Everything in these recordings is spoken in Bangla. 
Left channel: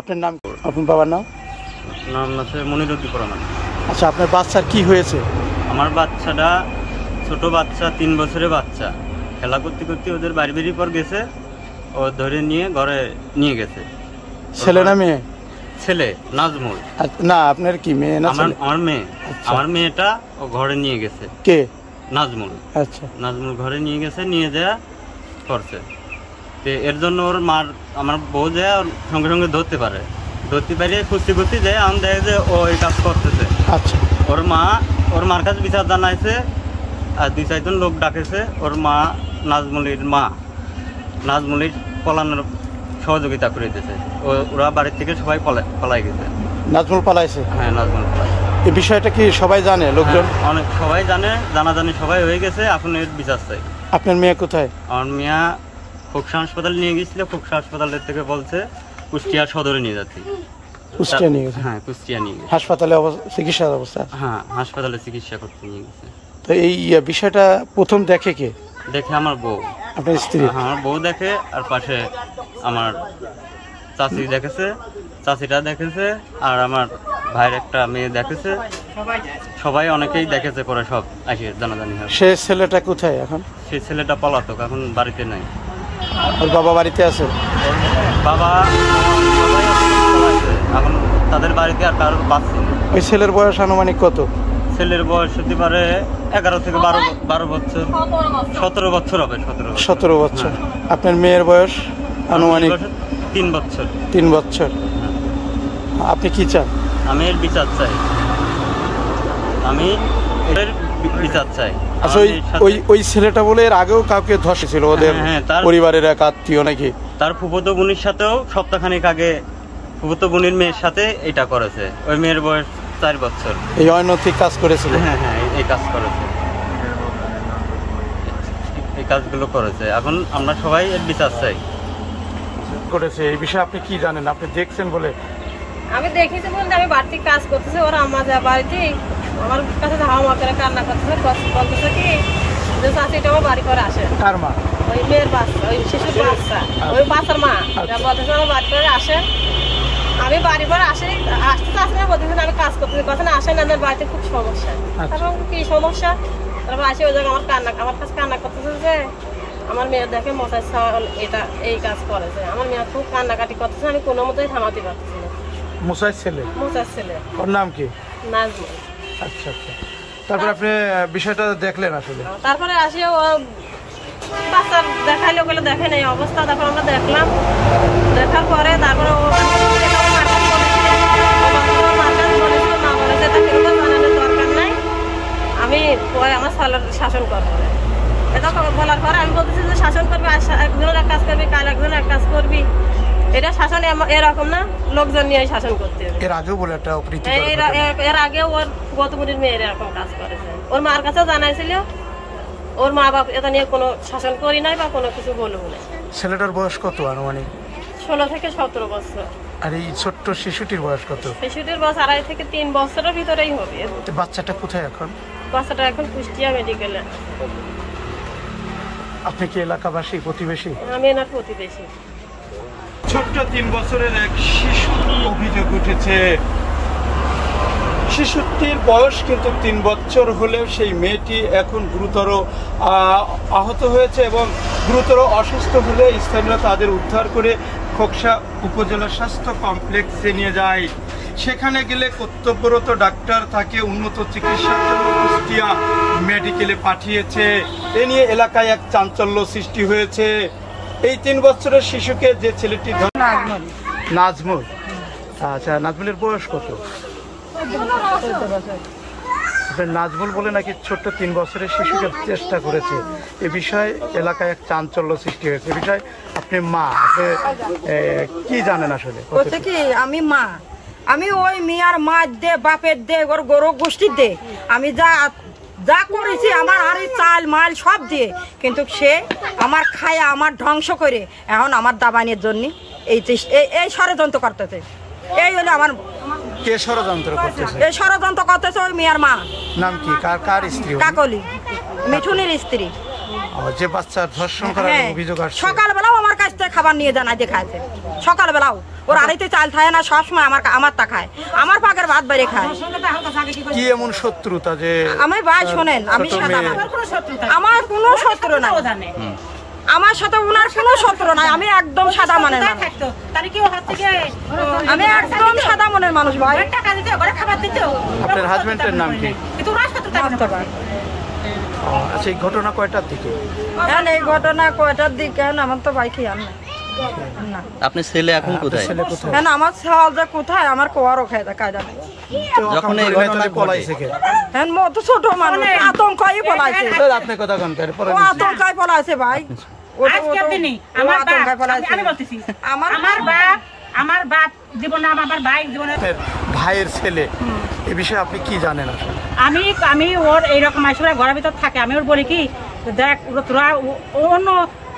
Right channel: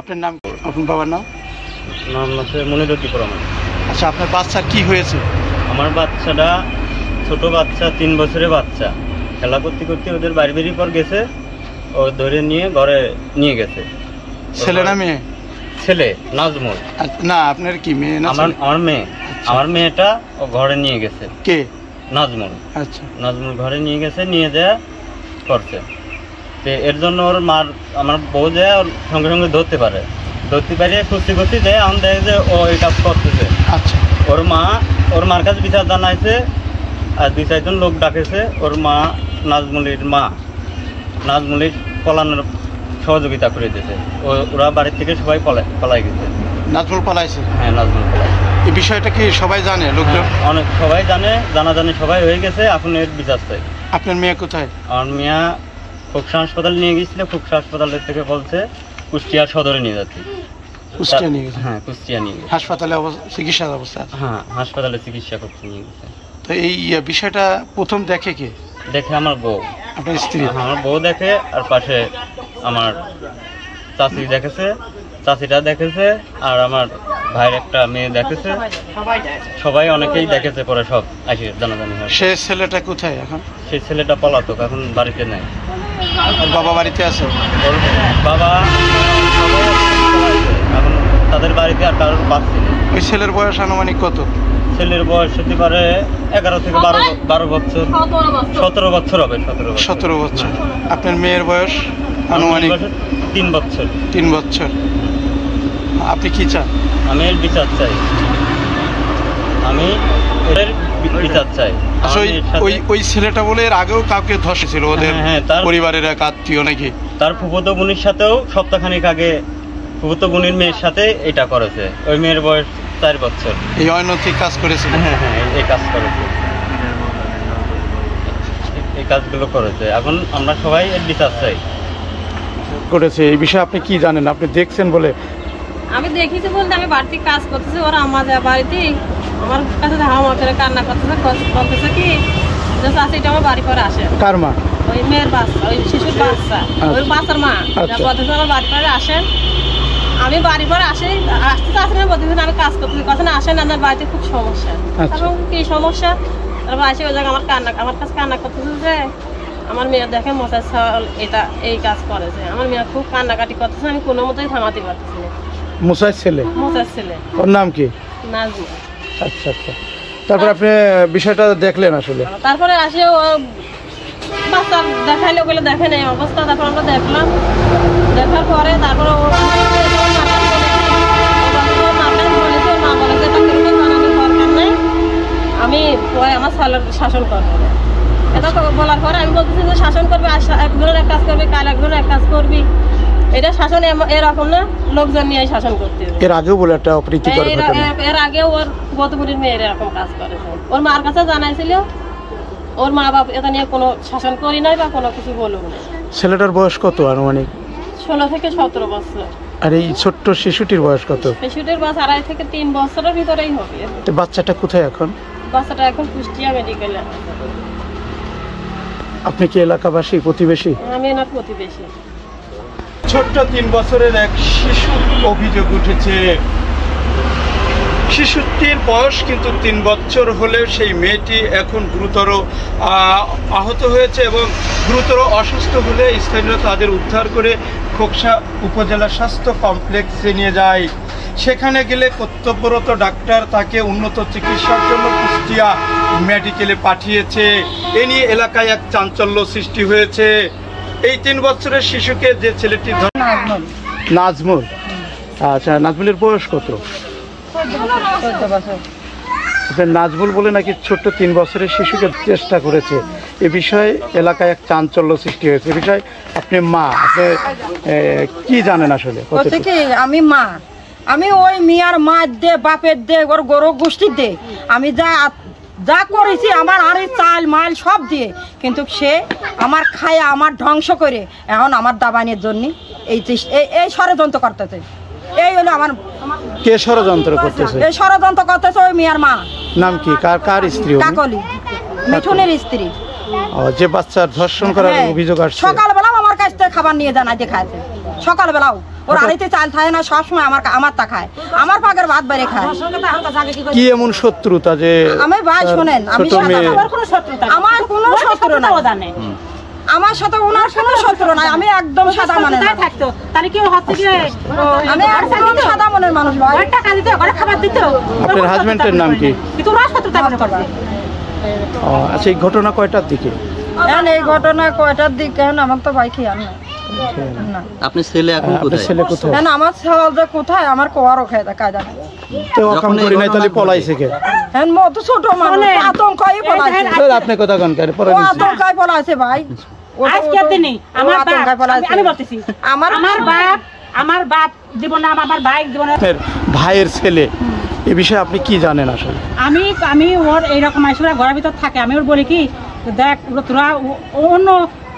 আপনার নাম, আপনার বাবার নাম? নাম আছে মনিরুদ্দিন রহমান। আচ্ছা, আপনার বাচ্চার কি হয়েছে? আমার বাচ্চাটা ছোট বাচ্চা, 3 বছরের বাচ্চা, খেলা করতে করতে ওদের বাড়ি পর গেছে, ও ধরে নিয়ে ঘরে নিয়ে গেছে। ছেলে না মেয়ে? ছেলে, নাজমুল। না, আপনার কি মেয়ে? আমার মেয়ে। আমার মেয়েটা ও ঘরে নিয়ে গেছে। কে? নাজমুল। আচ্ছা, নাজমুল ঘরে নিয়ে গেছে, নিয়ে যায় করছে। তো এর জন্য ওর মার, আমার বউ যায় ওর সঙ্গে সঙ্গে ধরতে পারে খুঁজতে খুঁজতে যায়, আমি দেখে যে ও এই কাজ করতেছে। আচ্ছা, ওর মার কাছে বিচার জানাইছে, আর 2-4 জন লোক ডাকেছে। ওর মা, নাজমুলের পলানোর সহযোগিতা করে দিয়েছে। ওরা বাড়ির থেকে সবাই পলাই গেছে। নাজমুল পালাইছে? হ্যাঁ, নাজমুল পলাই। এই বিষয়টা কি সবাই জানে? লোকজন অনেক সবাই জানে, জানাজানি সবাই হয়ে গেছে। এখন এর বিচার চাই। আপনার মেয়ে কোথায়? আমার মেয়ে খুকসা হাসপাতালে নিয়ে গেছিল, খুকসা হাসপাতালের থেকে বলছে কুষ্টিয়া সদরে নিয়ে যাচ্ছি। কুষ্টিয়া নিয়ে গেছে? হ্যাঁ, কুষ্টিয়া নিয়ে গেছে। হাসপাতালে চিকিৎসার অবস্থা? হ্যাঁ, হাসপাতালে চিকিৎসা করতে নিয়ে গেছে। তো এই বিষয়টা প্রথম দেখে কে? দেখে আমার বউ। আপনার স্ত্রী? আমার বউ দেখে, আর পাশে আমার চাচি দেখেছে, চাচিটা দেখেছে, আর আমার ভাইয়ের একটা মেয়ে দেখেছে। সবাই অনেকেই দেখেছে, পরে সব আসে জানাজানি হয়। সে ছেলেটা কোথায় এখন? সেই ছেলেটা পলাতক, এখন বাড়িতে নাই। আর বাবা বাড়িতে আছে? ওর বাবা সবাই আছে, এখন তাদের বাড়িতে আর কারোর পাচ্ছি না। ওই ছেলের বয়স আনুমানিক কত? ছেলের বয়স হতে পারে 11 থেকে 12 বছর, 17 বছর হবে। 17 বছর। আপনার মেয়ের বয়স আনুমানিক? 3 বছর। 3 বছর। আপনি কি চান? আমি এর বিচার চাই। আমি এর বিচার চাই। আচ্ছা, ওই ছেলেটা বলে এর আগেও কাউকে ধসেছিল ওদের পরিবারের এক আত্মীয় নাকি? তার ফুফুতো বোনের সাথেও সপ্তাহখানেক আগে ফুফুতো বোনের মেয়ের সাথে এটা করেছে। ওই মেয়ের বয়স 4 বছর। এই অনৈতিক কাজ করেছিল? হ্যাঁ, এই কাজ করেছে, এই কাজগুলো করেছে। এখন আমরা সবাই এর বিচার চাই। করেছে এই বিষয়ে আপনি কি জানেন? আপনি দেখছেন বলে? আমি দেখেছি বলতে, আমি বাড়িতে কাজ করতেছি, ওরা আমার বাড়িতে আমার কাছে ধাওয়া করে কান্না করতেছে, বলতেছে কি যে চাচিটা আমার বাড়ি করে আসে। কার মা? ওই মেয়ের বাচ্চা, ওই শিশুর বাচ্চা, ওই বাচ্চার মা বলতেছে আমার বাড়ি করে আসেন। আমি বাড়ি পরে আসতে চাচ্ছি না, বলতেছেন আমি কাজ করতেছি, কথা না আসেন, আমার বাড়িতে খুব সমস্যা। এবং কি সমস্যা? তারপর আসে ওই জায়গায় আমার কাছে কান্না করতেছে যে আমার মেয়ে দেখে মশার ছাল এই কাজ করেছে। আমার মেয়ে খুব কান্নাকাটি করতেছে, আমি কোনো মতোই থামাতে পারতেছি না। মুসার ছেলে? মুসার ছেলে। ওর নাম কি? নাজমুল। আচ্ছা আচ্ছা, তারপরে আপনি বিষয়টা দেখলেন আসলে? তারপরে আসে ও বাচ্চা দেখাইলে, ওগুলো দেখে নেই অবস্থা। তারপর আমরা দেখলাম, দেখার পরে তারপরে ও এটা ওর মার কাছে বলেছে, ওর মার কাছে বলেছে, ওর মা বলেছে এটা কিরকম জানানোর দরকার নেই, আমি পরে আমার ছেলের শাসন করবো। এটা বলার পরে আমি বলতেছি যে শাসন করবি, একজনের এক কাজ করবি, কাল একজনের এক কাজ করবি। এটা শাসন এরকম না, লোকজন নিয়ে শাসন করতে হবে। এর আগেও বলে একটা অপ্রীতি, এর আগেও ওর গতপুরের মেয়ের এরকম কাজ করেছে। ওর মার কাছে জানাইছিল, ওর মা বাপ এটা নিয়ে কোনো শাসন করি নাই বা কোনো কিছু বলবো না। ছেলেটার বয়স কত আনুমানিক? 16 থেকে 17 বছর। আর এই ছোট্ট শিশুটির বয়স কত? শিশুটির বয়স 2.5 থেকে 3 বছরের ভিতরেই হবে। বাচ্চাটা কোথায় এখন? বাচ্চাটা এখন কুষ্টিয়া মেডিকেলে। আপনি কি এলাকাবাসী, প্রতিবেশী? আমি এনার প্রতিবেশী। ছোট্ট 3 বছরের এক শিশু অভিযোগ উঠেছে। শিশুটির বয়স কিন্তু 3 বছর হলেও সেই মেয়েটি এখন গুরুতর আহত হয়েছে এবং গুরুতর অসুস্থ হলে স্থানীয় তাদের উদ্ধার করে খোকসা উপজেলা স্বাস্থ্য কমপ্লেক্সে নিয়ে যায়। সেখানে গেলে কর্তব্যরত ডাক্তার তাকে উন্নত চিকিৎসার জন্য কুষ্টিয়া মেডিকেলে পাঠিয়েছে। এ নিয়ে এলাকায় এক চাঞ্চল্য সৃষ্টি হয়েছে। এই 3 বছরের শিশুকে যে ছেলেটি নাজমুল, আচ্ছা, নাজমুলের বয়স কত? 14 বছর। নাজমুল বলে নাকি ছোট্ট 3 বছরের শিশুকে চেষ্টা করেছে। এ বিষয়ে এলাকায় এক চাঞ্চল্য সৃষ্টি হয়েছে। এ বিষয়ে আপনি মা, আপনি কি জানেন আসলে? কি আমি মা, আমি ওই মিয়ার মা দে, বাপের দে, ওর গরু গোষ্ঠীর দে, আমি যা করেছি আমার আরে চাল মাল সব দিয়ে, কিন্তু সে আমার খায়া আমার ধ্বংস করে এখন আমার দাবানের জন্য এই ষড়যন্ত্র করতেছে। এই হলো আমার। কে ষড়যন্ত্র করতেছে? এই ষড়যন্ত্র করতেছে ওই মিয়ার মা। নাম কি? কার স্ত্রী? কাকলি, মিঠুনের স্ত্রী। যে বাচ্চার ধর্ষণ করার অভিযোগ আসছে। সকালবেলাও আমার কাছ থেকে খাবার নিয়ে জানাই দেখাচ্ছে, সকালবেলাও ওর আড়াইতে চাল থাকে না, সবসময় আমার তা খায়, আমার পাকের ভাত বাইরে খায়। কি এমন শত্রুতা যে আমি ভাই শোনেন, আমি সাদা আমার কোনো শত্রু নাই, আমার সাথে ওনার কোনো শত্রু নাই, আমি একদম সাদা মনের থাকতো, তাহলে কি হচ্ছে যে আমি একদম সাদা মনের মানুষ ভাই। টাকা দিতে ওরে খাবার দিতে। আপনার হাজবেন্ডের নাম কি? কিন্তু ওরা শত্রুতা করতে পারে। আচ্ছা, এই ঘটনা কয়টার দিকে? এখন এই ঘটনা কয়টার দিকে? আমার তো ভাই খেয়াল নাই। না, আপনার ছেলে এখন কোথায়? ছেলে কোথায়? এখন আমার ছেলে কোথায় আমার কোয়ারও খায় কায়দা নেই। যখন এই ঘটনা পলাইছে কে? এখন মত ছোট মানুষ আতঙ্কাই পলাইছে। আপনি কথা কোন করে ও আতঙ্কাই পলাইছে ভাই, ও আতঙ্কাই পলাইছে। আমার বাপ জীবন, আমার ভাই জীবন, ভাইয়ের ছেলে, এই বিষয়ে আপনি কি জানেন আসলে? আমি ওর এইরকম আসলে ঘরের ভিতর থাকে, আমি ওর বলি কি দেখ তোরা অন্য,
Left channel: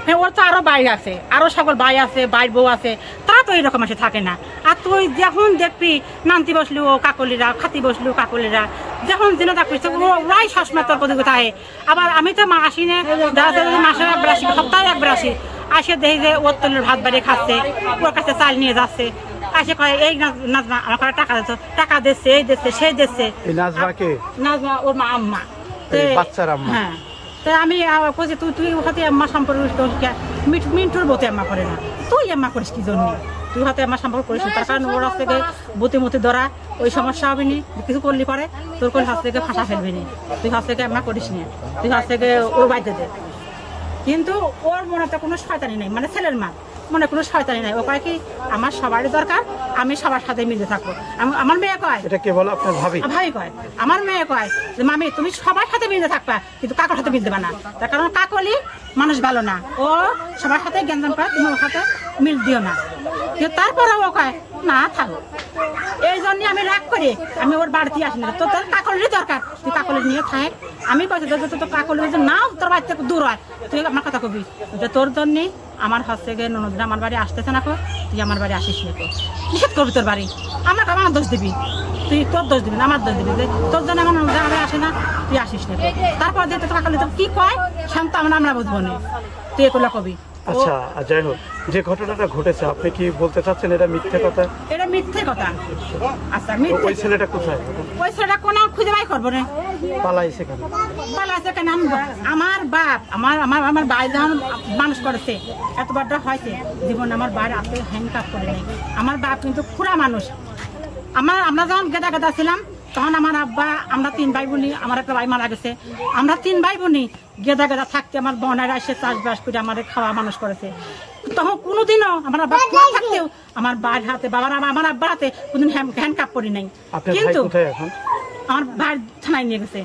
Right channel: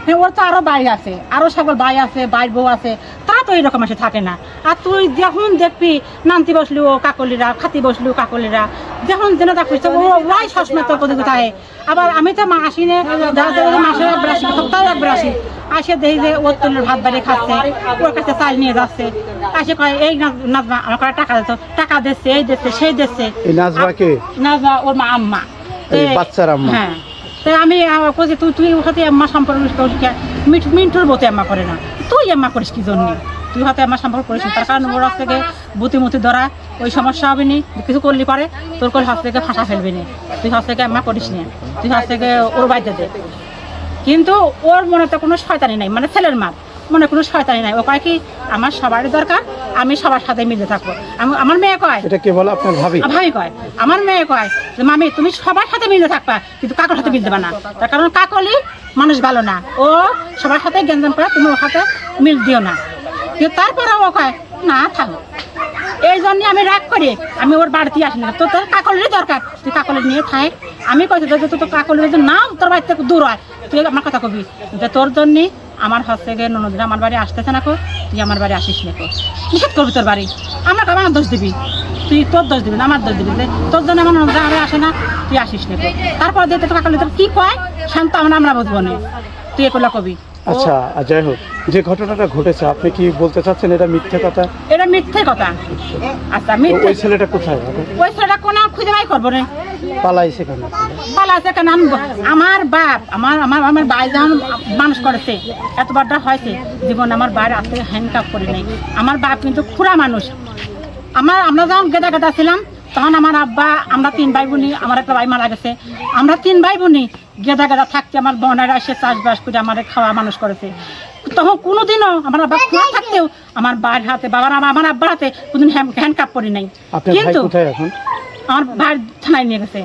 হ্যাঁ ওর তো আরো ভাই আছে, আরো সকল ভাই আছে, ভাইয়ের বউ আছে, তারা তো এইরকম আসে থাকে না। আর তুই যখন দেখবি নানতি বসলি ও কাকলিরা, খাতি বসলি ও কাকলিরা, যখন যেন দেখবি ওরাই সবসময় তোর প্রতি থাকে। আবার আমি তো আসি না, মাসে একবার আসি, সপ্তাহে একবার আসি, আসে দেখি যে ওর তলের ভাত বাড়িয়ে খাচ্ছে, ওর কাছে চাল নিয়ে যাচ্ছে, আসে কয় এই নাজমা আমার কাছে টাকা দিত, টাকা দিচ্ছে, এই দিচ্ছে, সেই দিচ্ছে। নাজমা ওর মা আম্মা, হ্যাঁ। তাই আমি কইছি তুই হাতে আম্মা সম্পর্ক মিন্টুর বতে আম্মা করে না, তুই আম্মা করিস কি জন্য? তুই হাতে আম্মা সম্পর্ক করিস, তার কারণ ওর হাত থেকে বুতি ধরা ওই সমস্যা হবে নি, কিছু করলি পরে তোর কোন হাত থেকে ফাঁসা ফেলবি নি, তুই হাত থেকে আম্মা করিস নি, তুই হাত থেকে ওর বাইরে দে। কিন্তু ওর মনে তো কোনো শয়তানি নাই, মানে ছেলের মার মনে কোনো শয়তানি নাই। ও কয় কি আমার সবারই দরকার, আমি সবার সাথে মিলে থাকবো। আমার মেয়ে কয়, এটা কে বলে? আপনার ভাবি? ভাবি কয়, আমার মেয়ে কয় যে মামি তুমি সবার সাথে মিলে থাকবা, কিন্তু কাকর সাথে মিল দেবা না, তার কারণ কাকলি মানুষ ভালো না, ও সবার সাথে গ্যাঞ্জাম করে, তুমি ওর সাথে মিল দিও না। কিন্তু তারপরে ও কয় না থাকো, এই জন্য আমি রাগ করি, আমি ওর বাড়িতে আসি না। তোর কাকলিরই দরকার, তুই কাকলি নিয়ে থাক। আমি কইছি তোর কাকলি যদি না তোর বাড়ি থেকে দূর হয়, তুই আমার কথা কবি যে তোর জন্য আমার হচ্ছে গিয়ে ননদিন আমার বাড়ি আসতেছে না, কো তুই আমার বাড়ি আসিস না, কো নিষেধ করবি তোর বাড়ি, আমার দোষ দিবি, তুই তোর দোষ দিবি না, আমার দোষ দিবি যে তোর জন্য আমার ননদিন আমার আসে না, তুই আসিস না, কো তারপর দিয়ে তোর কাকলি তোর কি কয় শান্ত আমরা বুঝবো না, তুই এগুলো কবি। আচ্ছা, যাই হোক, যে ঘটনাটা ঘটেছে আপনি কি বলতে চাচ্ছেন এটা মিথ্যে কথা? এটা মিথ্যে কথা। আচ্ছা, মিথ্যে। ওই ছেলেটা কোথায়? ওই ছেলেটা কোন খুঁজে বাই করবো না, পালাইছে কেন? পালাইছে কেন? আমার বাপ আমার ভাই যখন মানুষ করেছে, এতবারটা হয়েছে জীবন আমার বাইরে আজ থেকে হ্যান্ডকাপ করে নেই। আমার বাপ কিন্তু খুড়া মানুষ। আমরা যখন গেদা ছিলাম তখন আমার আব্বা, আমরা 3 ভাই বোনই, আমার একটা ভাই মারা গেছে, আমরা 3 ভাই বোনই গেদা থাকতে আমার বোনেরা এসে চাষবাস করে আমার খাওয়া মানুষ করেছে। তখন কোনোদিনও আমার আব্বা খুঁড়া থাকতেও আমার ভাইয়ের হাতে, আমার আব্বার হাতে কোনদিন হ্যান্ডকাপ করি নাই। কিন্তু আমার ভাই থানায় নিয়ে গেছে।